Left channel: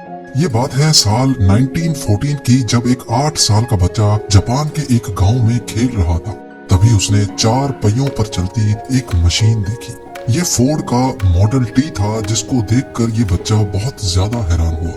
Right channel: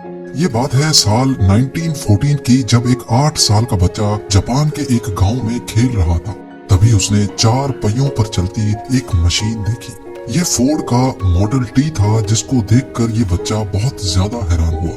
ये बात है साल 1914 की, जब एक 8 साल का बच्चा जापान के एक गांव में खेल रहा था। तभी उसने 4 पहियों पर चलती एक मशीन देखी। ये फोर्ड का मॉडल टी था, जिसको देखकर ये बच्चा बहुत ज्यादा हैरान हुआ।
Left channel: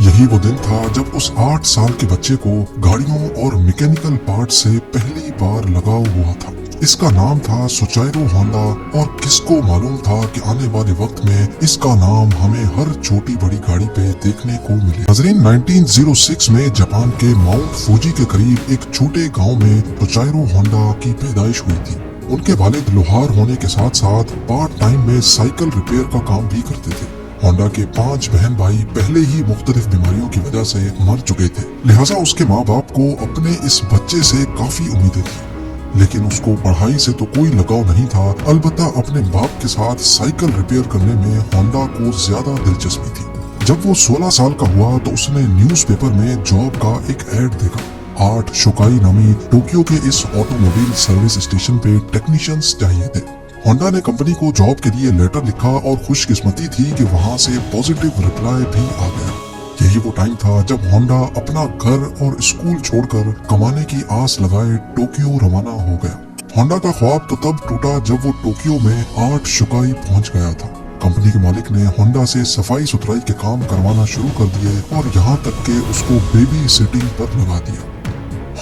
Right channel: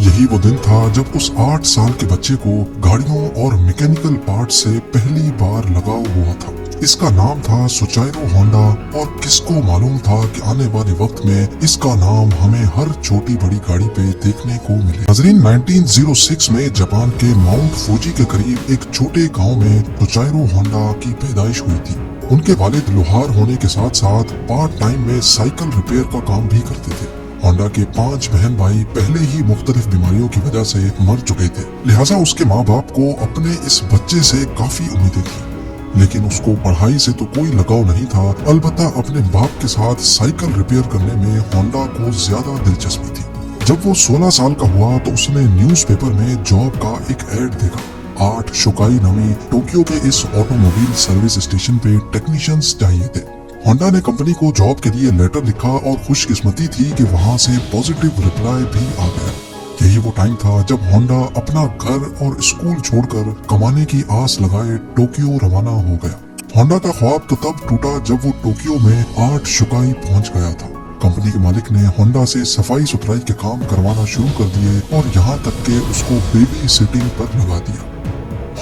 यही वो दिन था जब उस 8 साल के बच्चे को गाड़ियों और मैकेनिकल पार्ट से पहली बार लगाव हुआ था। इसका नाम था सुचाइरो होंडा, और किसको मालूम था कि आने वाले वक्त में इसका नाम हमें हर छोटी बड़ी गाड़ी पे देखने को मिले। नाज़रीन, 1906 में जापान के माउंट फूजी के करीब एक छोटे गांव में सुचाइरो होंडा की पैदाइश हुई थी। उनके वालिद लोहार होने के साथ साथ पार्ट टाइम में साइकिल रिपेयर का काम भी करते थे। होंडा के 5 बहन भाई पहले ही मुख्तलिफ बीमारियों की वजह से मर चुके थे, लिहाजा उसके माँ बाप को अपने इस बच्चे से काफी उम्मीदें थी। लेकिन उसको पढ़ाई से तो कोई लगाव नहीं था, अलबत्ता अपने बाप के साथ साइकिल रिपेयर करने में होंडा को ज्यादा दिलचस्पी थी। जब वो 16 साल का हुआ तो उसने न्यूज़पेपर में जॉब का एक ऐड देखा। 8 शुकाई नामी टोक्यो के इस ऑटोमोबाइल सर्विस स्टेशन पे टेक्नीशियंस चाहिए थे। होंडा ने कंपनी को जॉब के लिए लेटर लिखा और खुशकिस्मती थी कि वहाँ से पॉजिटिव रिप्लाई भी आ गया। यही वो टाइम था जब होंडा अपना घर और स्कूल छोड़कर कमाने की आस लगाए टोक्यो रवाना हो गया। होंडा का ख्वाब तो तब टूटा जब वो टोक्यो में 8 शुकाई पहुंच गया था। कंपनी के मालिक ने होंडा से सफाई सुथराई के काम करवाना शुरू कर दिए और यहाँ तक के उसको बेबी सिटिंग पर लगा दिया।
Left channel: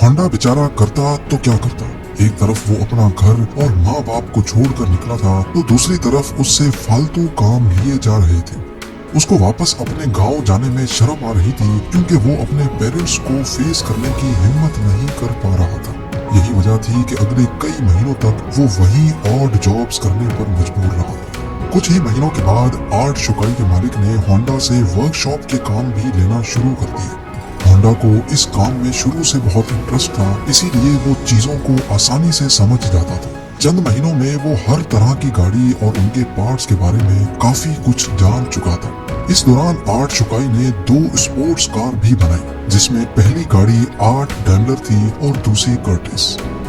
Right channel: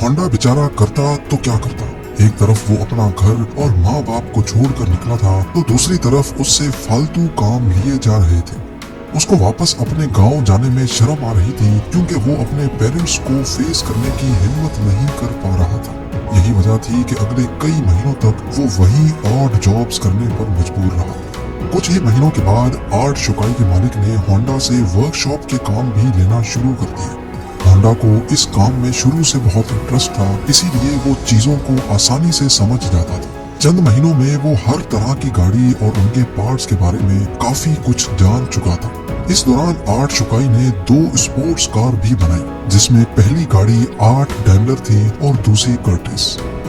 होंडा बेचारा करता तो क्या करता। एक तरफ वो अपना घर और माँ बाप को छोड़कर निकला था, तो दूसरी तरफ उससे फालतू काम लिए जा रहे थे। उसको वापस अपने गांव जाने में शर्म आ रही थी, क्योंकि वो अपने पेरेंट्स को फेस करने की हिम्मत नहीं कर पा रहा था। यही वजह थी कि अगले कई महीनों तक वो वही ऑड जॉब्स करने पर मजबूर रहा। कुछ ही महीनों के बाद 8 शुकाई के मालिक ने होंडा से वर्कशॉप के काम भी लेना शुरू कर दिया। होंडा को इस काम में शुरू से बहुत इंटरेस्ट था, इसीलिए वो चीजों को आसानी से समझ जाता था। चंद महीनों में वो हर तरह की गाड़ी और उनके पार्ट्स के बारे में काफी कुछ जान चुका था। इस दौरान 8 शुकाई ने 2 स्पोर्ट्स कार भी बनाई, जिसमें पहली गाड़ी 8 डैमलर थी और दूसरी कर्टिस।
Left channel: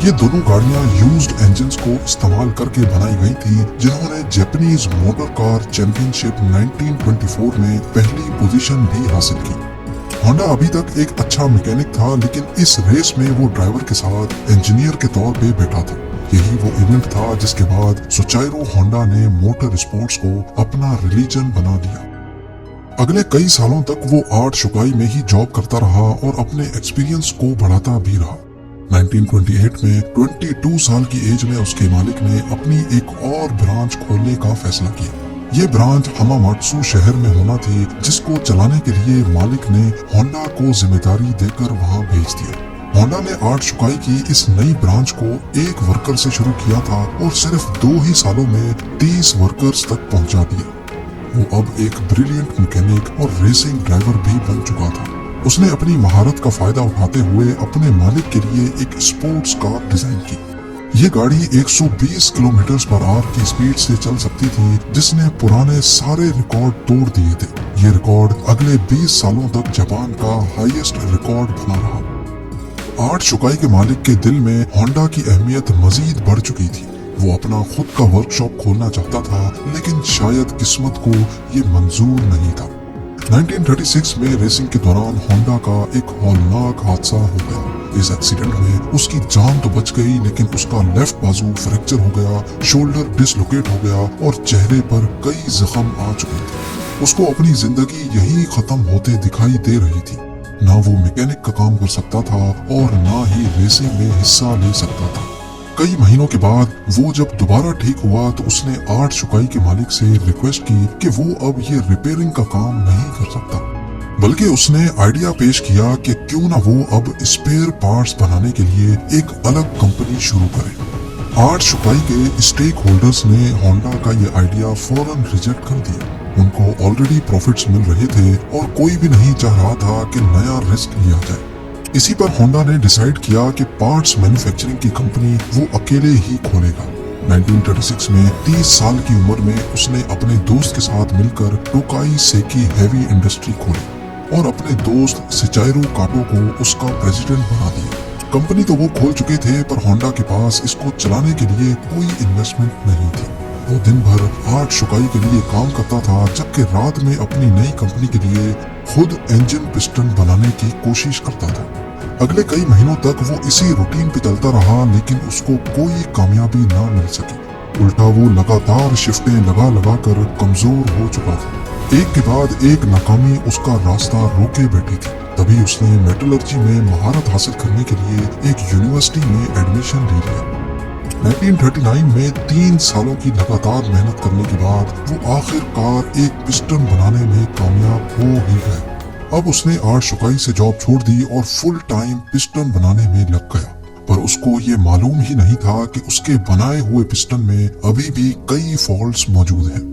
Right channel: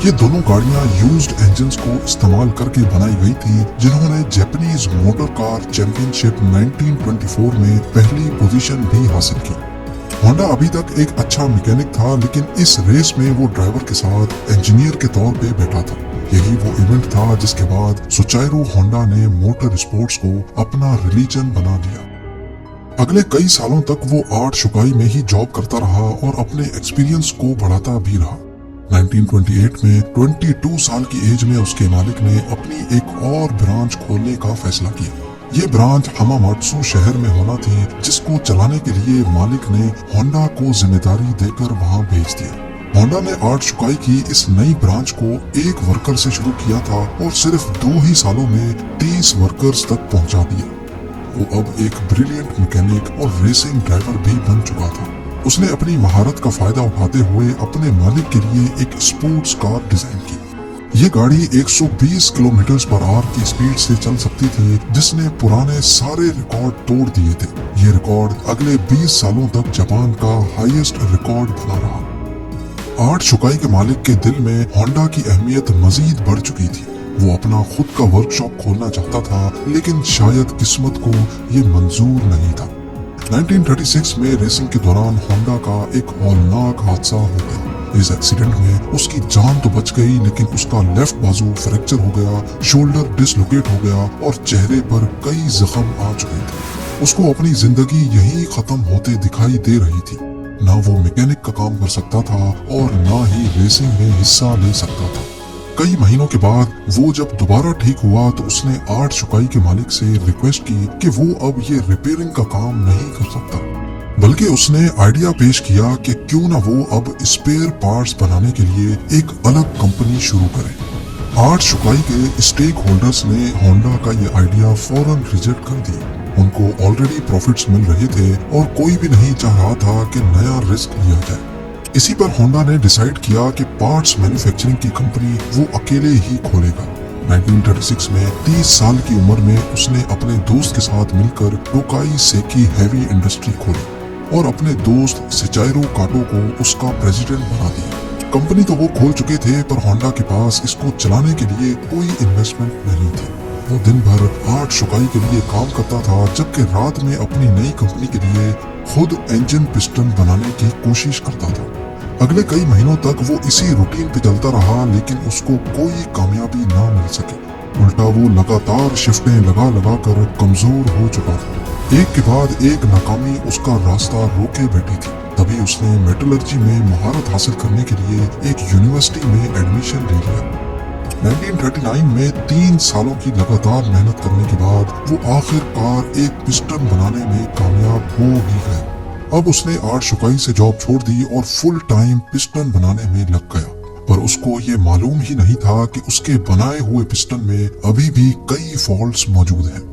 ये दोनों गाड़ियां यूज्ड इंजन्स को इस्तेमाल करके बनाई गई थी, जिन्होंने जापानीज मोटर कार चैंपियनशिप 1924 में पहली पोजीशन भी हासिल की। होंडा अभी तक एक अच्छा मैकेनिक था, लेकिन इस रेस में वो ड्राइवर के साथ इंजीनियर के तौर पे बैठा था। यही वो इवेंट था जिसके बाद सुचाइरो होंडा ने मोटर स्पोर्ट्स को अपना रिलीजन बना लिया। अगले कई सालों तक वो 8 शुकाई में ही जॉब करता रहा और अपने एक्सपीरियंस को बढ़ाता भी रहा। 1928 में 22 साल की एज में उसके मालिक ने अपनी एक और ब्रांच खोलने का फैसला किया। ये ब्रांच हमामात्सु शहर में होना थी, जिसको चलाने के लिए मालिक ने होंडा को जिम्मेदारी देकर वहाँ भेज दिया। होंडा ने 8 शुकाई की इस नई ब्रांच को एक वर्कर से शुरू किया था और सिर्फ 2 ही सालों में 30 वर्कर्स तक पहुंचा दिया। वो अब एक ब्रिलियंट मैकेनिक और रेसिंग ड्राइवर भी बन चुका था। उसने अपनी महारत का फायदा उठाते हुए अपने मालिक के लिए एक स्पोर्ट्स कार डिजाइन की। ये गाड़ी 120 किलोमीटर पर आवर की स्पीड से चल सकती थी, जिसने पुराने सारे रिकॉर्ड तोड़ दिए थे। ये रिकॉर्ड अगले 20 सालों तक जापान का हाईएस्ट रिकॉर्ड बना रहा। 8 शुकाई के मालिक के दिल में होंडा की अहमियत मजीद बढ़ चुकी थी। वो अपना खुद का वर्कशॉप खोलना चाहता था, लेकिन शायद किस्मत को ये मंजूर नहीं था। 1936 में रेसिंग के दौरान होंडा का एक हौलनाक हादसा हो गया। इस एक्सीडेंट में उसकी जान तो बच गई, लेकिन उसका लेफ्ट बाजू फ्रैक्चर हो गया, शोल्डर डिसलोकेट हो गया और चेहरे पर कई जख्म आ चुके थे। उसको अपनी जिंदगी यही खत्म होते दिखाई दे रही थी। ना वो मैकेनिक का काम कर सकता था और ना ही रेसिंग में हिस्सा ले सकता था। कई महीनों के बाद वो जब दोबारा ठीक हुआ तो उसने 8 शुकाई के मालिक से रिक्वेस्ट की कि वो अब ये रिपेयरिंग का काम नहीं कर सकता, बल्कि उसने आइडिया पेश किया कि क्यों ना वो अब स्पेयर पार्ट्स बनाने के लिए एक अलग कंपनी शुरू करे। 8 शुकाई के स्टेक होल्डर्स ने होंडा का ये आइडिया फौरन रिजेक्ट कर दिया। उनको ऑलरेडी प्रॉफिट्स मिल रहे थे और कोई भी नहीं चाह रहा था कि नया रिस्क लिया जाए। इसी पर होंडा ने डिसाइड किया कि पार्ट्स मैन्युफैक्चरिंग की कंपनी वो अकेले ही खोलेगा। 1936 में 30 साल की उम्र में उसने अपने दोस्त के साथ मिलकर टोकाई सेकी हैवी इंडस्ट्री खोली और अपने दोस्त सिचाइरो काटो को उसका प्रेसिडेंट बना दिया। कंपनी तो वो खोल चुके थे, पर होंडा के पास इसको चलाने के लिए कोई इन्वेस्टमेंट नहीं थी। वो दिन भर आर्ट शुकाई के लिए काम करता था, जबकि रात में अपनी नई कंपनी के लिए खुद इंजन पिस्टन बनाने की कोशिश करता था। अगले कई महीनों तक वो इसी रूटीन पे चलता रहा, लेकिन उसको कोई कामयाबी ना मिल सकी। उल्टा वो लगातार शिफ्टें लगा लगा कर कमजोर हो चुका था। एक के बाद एक नाकामी उसका रास्ता रोके बैठी थी। तभी उसने मेटलर्जी में महारत हासिल करने के लिए एक यूनिवर्सिटी में एडमिशन ले लिया। 1939 में 3 सालों की लगातार मेहनत करने के बाद वो आखिरकार एक पिस्टन बनाने में कामयाब हो ही गया। अब उसने आर्ट शुकाई से जॉब छोड़ दी और फुल टाइम पिस्टन बनाने में लग गया। पर उसको ये मालूम ही नहीं था कि उसके बनाए हुए पिस्टन में अभी भी कई फॉल्ट्स मौजूद हैं।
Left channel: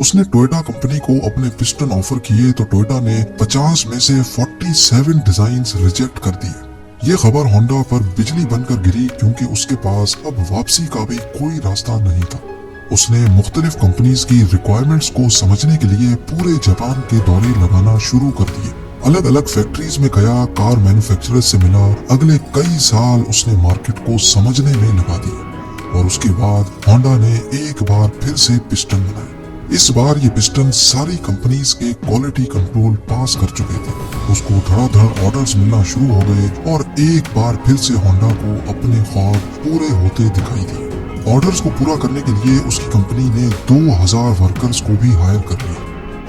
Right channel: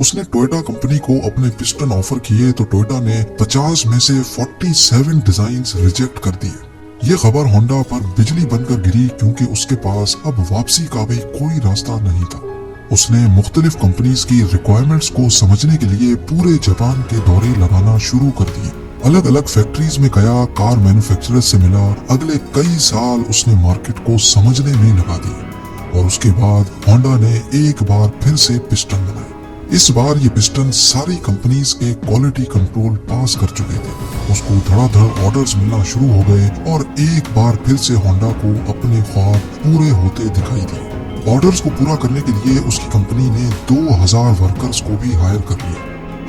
उसने टोयोटा कंपनी को अपने पिस्टन ऑफर किए तो टोयोटा ने 50 में से 47 डिजाइन्स रिजेक्ट कर दिए। ये खबर होंडा पर बिजली बनकर गिरी, क्योंकि उसके पास अब वापसी का भी कोई रास्ता नहीं था। उसने मुख्तलिफ कंपनीज की रिक्वायरमेंट्स को समझने के लिए पूरे जापान के दौरे लगाना शुरू कर दिए। अलग अलग फैक्ट्रीज में गया, कार मैन्युफैक्चरर से मिला। अगले कई साल उसने मार्केट को समझने में लगा दिए और उसके बाद होंडा ने एक बार फिर से पिस्टन बनाए। इस बार ये पिस्टन सारी कंपनीज के क्वालिटी कंट्रोल पास कर चुके थे। उसको धड़ाधड़ ऑर्डर्स मिलना शुरू हो गए और एक बार फिर से होंडा को अपने ख्वाब पूरे होते दिखाई दिए। ऑर्डर्स को पूरा करने के लिए उसकी कंपनी ने 2000 वर्कर्स को भी हायर कर लिया।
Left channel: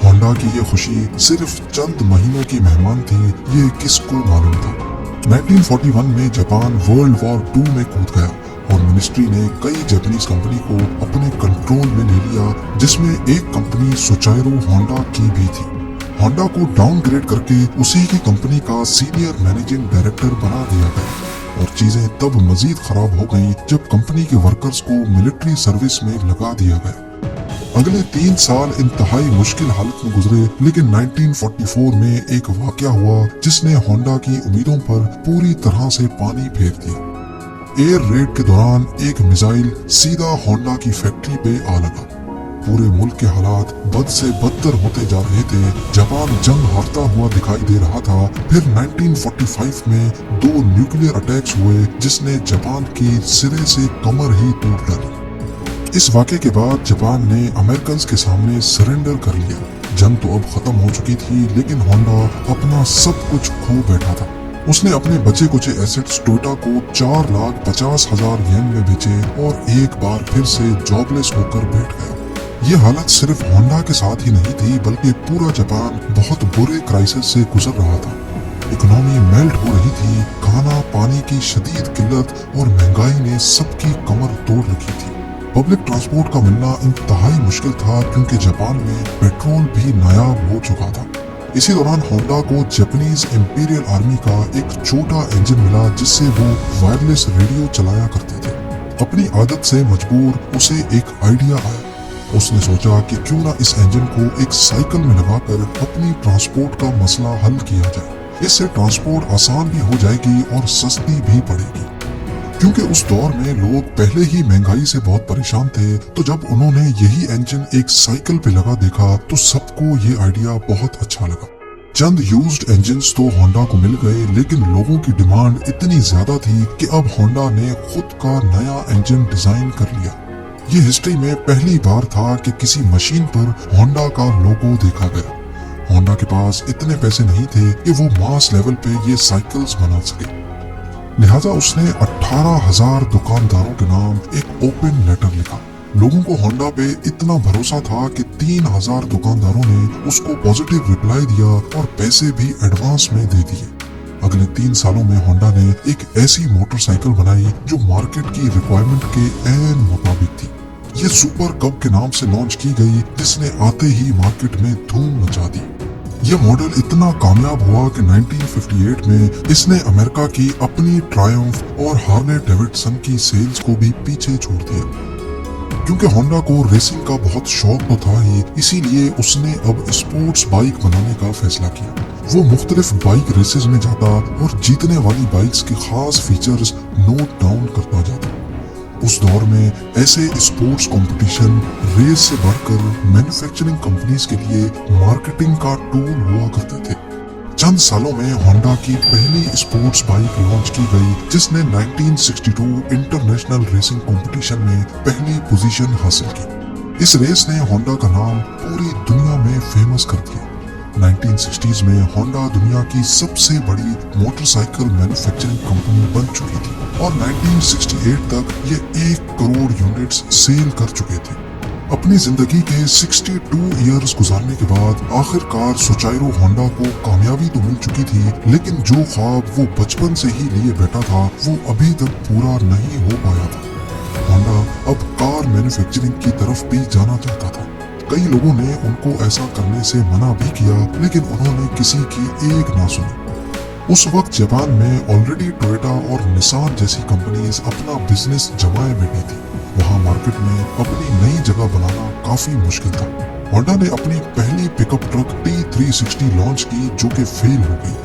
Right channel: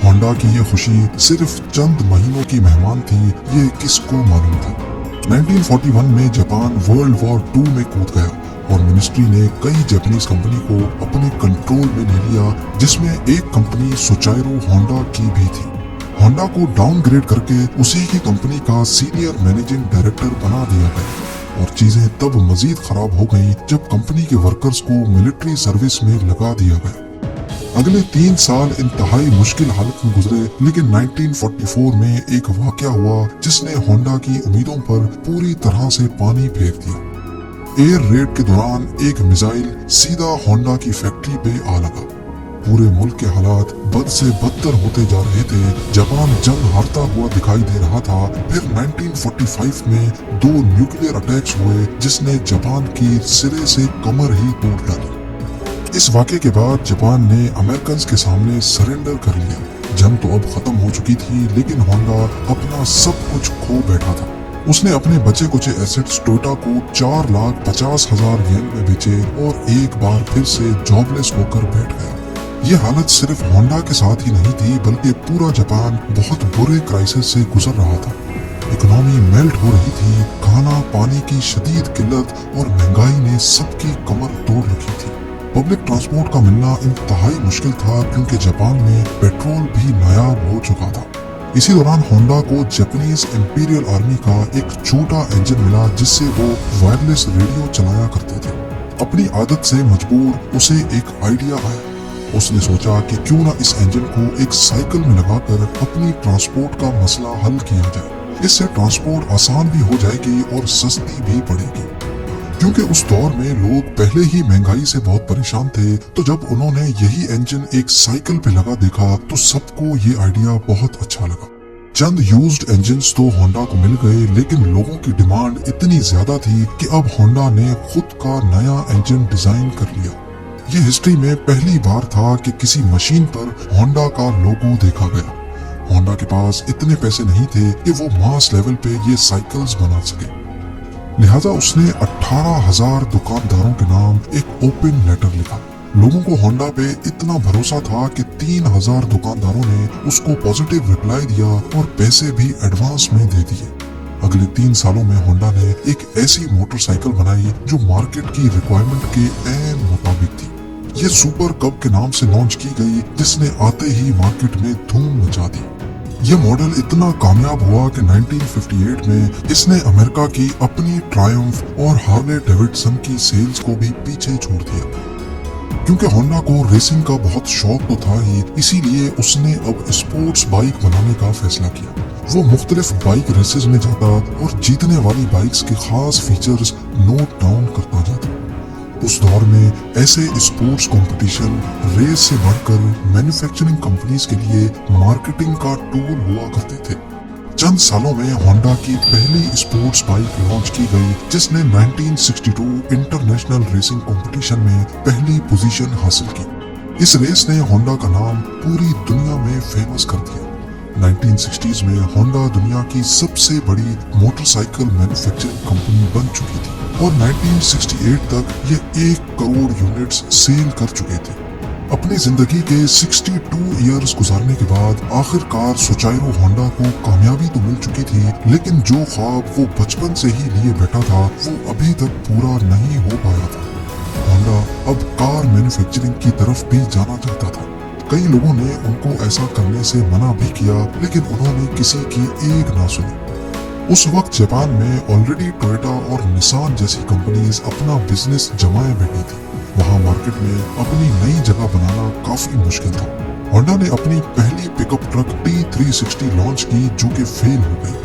होंडा की ये खुशी सिर्फ चंद महीनों की मेहमान थी, ये किसको मालूम था। 1941 में जापान वर्ल्ड वॉर 2 में कूद गया और मिनिस्ट्री ने कई जापानीज कंपनी को अपने कंट्रोल में ले लिया, जिसमें एक कंपनी सुचारू होंडा की भी थी। होंडा को डाउनग्रेड करके उसी की कंपनी का सीनियर मैनेजिंग डायरेक्टर बना दिया गया और चीजें तब मजीद खराब हो गई जब कंपनी के वर्कर्स को मिलिट्री सर्विस में लगा दिया गया। अगले 3 साल इंतहाई मुश्किल हालत में गुजरे, लेकिन 1944 में एक वाकया हुआ जिसने होंडा की उम्मीदों पर पूरी तरह से पानी फेर दिया। एयर रेड के दौरान एक मिसाइल सीधा होंडा की फैक्ट्री पे आ लगा। पूरे मुल्क के हालात बद से बदतर होते जा रहे थे। जापान जंग हारता हुआ दिखाई दे रहा था। फिर 1945 में 2 न्यूक्लियर अटैक्स हुए, जिसने जापान की सिरे से कमर ही तोड़ डाली। इस वाक़े के बाद जापान ने अमेरिकन के सामने सरेंडर कर लिया। जंग तो अब खत्म हो चुकी थी, लेकिन होंडा अपना सब कुछ खो बैठा था। उसने अपने बचे कुचे एसेट्स टोयोटा को 4,50,000 येन में बेचे और एक बार फिर से जॉबलेस होकर बैठ गया। ये हालत सिर्फ होंडा के साथ ही नहीं थी, बल्कि पूरा जापान बहुत बुरे क्राइसिस से गुजर रहा था। इकोनॉमी मेल्ट हो रही थी। खाना पानी की शदीद किल्लत और महंगाई ने सबकी कमर तोड़ रखी थी। पब्लिक ट्रांसपोर्ट का मिलना इंतहाई मुश्किल था, क्योंकि जापान में पेट्रोल भी नायाब हो चुका था। इसी दौरान होंडा को जापानीज इंपीरियल आर्मी का एक छोटा इंजन मिला, जिससे वो वायरलेस रेडियो चलाया करते थे। अपनी आदत से मजबूर उसे एक आइडिया आया। उसने सोचा कि क्यों ना इस इंजन को एक साइकिल में लगाकर अपनी ट्रांसपोर्ट का मसला हल किया जाए। इससे ट्रांसपोर्ट आसान भी हो जाएगी और सस्ती भी पड़ेगी। क्योंकि उस दौर में लोग पहले ही महंगाई से बहुत परेशान थे, तो जब उन्होंने यही इंजन एक साइकिल पे लगा देखा तो सबको ये आइडिया बहुत अच्छा लगा। चंद यूज्ड इंजन्स तो होंडा को मिल गए, लेकिन लोगों की डिमांड इतनी ज्यादा थी कि अब होंडा ने खुद का नया इंजन डिजाइन कर लिया। ये हिस्ट्री में पहली बार था कि किसी मशीन पर होंडा का लोगो देखा गया। होंडा के पास इतने पैसे नहीं थे कि वो मास लेवल पे ये साइकिल्स बना सके, लिहाजा उसने 18,000 दुकानदारों के नाम एक ओपन लेटर लिखा। लोगों को होंडा पे इतना भरोसा था कि 3,000 दुकानदारों ने उसको पॉजिटिव रिप्लाई दिया और पैसे भी एडवांस में दे दिए। अगले 3 सालों में होंडा ने एक ऐसी मोटरसाइकिल बनाई जो मार्केट की रिक्वायरमेंट के ऐन मुताबिक थी। ये सुपर कप के नाम से लॉन्च की गई, जिसने आते ही मार्केट में धूम मचा दी। यह मॉडल इतना कामयाब हुआ कि 1958 में इसने अमेरिका की अपनी ट्रायम्फ और हार्ले डेविडसन की सेल्स को भी पीछे छोड़ दिया। क्योंकि होंडा को रेसिंग का बहुत शौक तो था ही, इसीलिए उसने अब स्पोर्ट्स बाइक बनाने का फैसला किया। वो मुख्तलिफ बाइक रेसेस में जाता और जीतने वाली बाइक्स के खास फीचर्स नोट डाउन करता जाता। उस दौर में ऐसे स्पोर्ट्स कंपटीशन रेस से बढ़कर मैन्युफैक्चरिंग कंपनीज के लिए मार्केटिंग का टूल हुआ करते थे। चंद सालों में होंडा की पहली स्पोर्ट्स बाइक लॉन्च की गई, जिसने 1962 इंटरनेशनल रेसिंग कंपटीशन में पहली पोजीशन हासिल की। इस रेस ने होंडा का नाम पूरी दुनिया में फेमस कर दिया। 1960s में होंडा दुनिया की सबसे बड़ी मोटरसाइकिल मैन्युफैक्चरिंग कंपनी बन चुकी थी और 1968 तक ये 1 करोड़ यूनिट्स सेल कर चुके थे। अपनी जिंदगी के 62 इयर्स गुजारने के बाद आखिरकार सोचाइरो होंडा को कामयाबी तो मिल चुकी थी, लेकिन जो ख्वाब वो बचपन से ही लिए बैठा था वो अभी तक पूरा नहीं हो पाया था। होंडा अब कार मैन्युफैक्चरिंग की तरफ भी जाना चाहता था। कई लोगों ने उनको ऐसा करने से मना भी किया, लेकिन उन्होंने किसी की एक ना सुनी। उस वक्त जापान में ऑलरेडी टोयोटा और निसान जैसी कंपनीज अपना बिजनेस जमाए बैठी थी। वहाँ मार्केट में अपनी नई जगह बनाना काफी मुश्किल था। होंडा ने अपनी पहली पिकअप ट्रक T360 लॉन्च की जो कि फेल हो गई।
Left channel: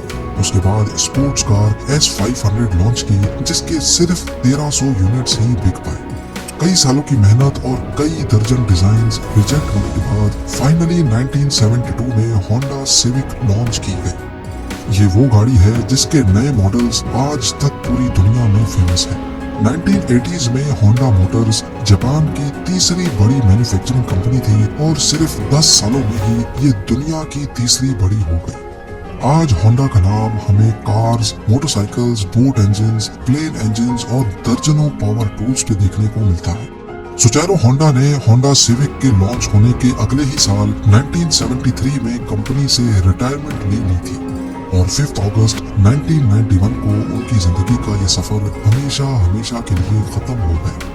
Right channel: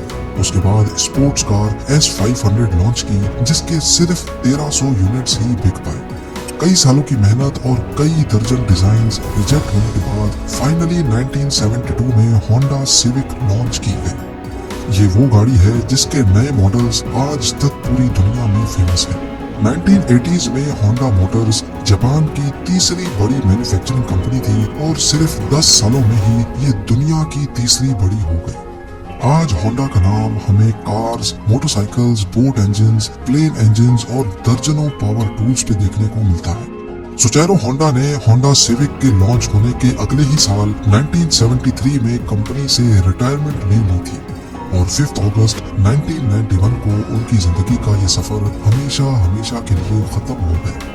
उसके बाद स्पोर्ट्स कार S500 लॉन्च की जिसके सिर्फ 1300 यूनिट्स ही बिक पाए। कई सालों की मेहनत और कई दर्जन डिजाइन्स रिजेक्ट होने के बाद फाइनली 1972 में होंडा सिविक लॉन्च की गई। ये वो गाड़ी है जिसके नए मॉडल्स आज तक पूरी दुनिया में फेमस है। 1980s में होंडा मोटर्स जापान की तीसरी बड़ी मैन्युफैक्चरिंग कंपनी थी और सिर्फ 10 सालों में ही ये दुनिया की तीसरी बड़ी हो गई। आज होंडा का नाम हमें cars, motorcycles, boat engines, plane engines और दर्जनों पावर टूल्स पे देखने को मिलता है। सुचारो होंडा ने होंडा सिविक के लॉन्च होने के अगले ही साल 1973 में कंपनी से रिटायरमेंट ले ली थी और 5 अगस्त 1991 को उनकी जिंदगी का ये सफर हमेशा के लिए खत्म हो गया।